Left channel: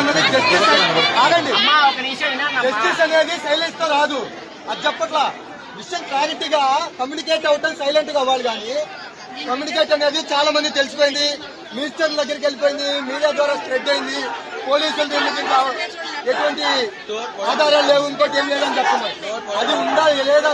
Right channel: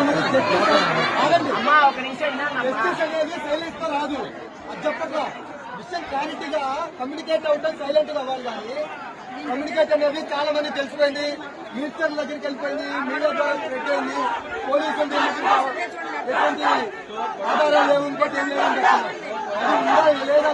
అన్నది జస్టిస్ ఆగండి జస్టిస్ అనేది సైలెన్స్ తో రాదు అది చెప్పట్లా విషయం క్లారిటీగా కమ్యూనికేట్ అవటం సైలెంట్ గా అవ్వాలి కానీ కమ్యూనికేట్ అనేది చాలా మంది తెలిసిపోయింది మినిస్టర్ దగ్గరికి వెళ్ళిపోయింది మీడియా ద్వారా స్ప్రెడ్ అయింది పోలీసులు ఎటువంటి ఆధారాలు లేవు ఇంకోటి ఏం లేదని చెప్తున్నారు అది ఉందా లేదా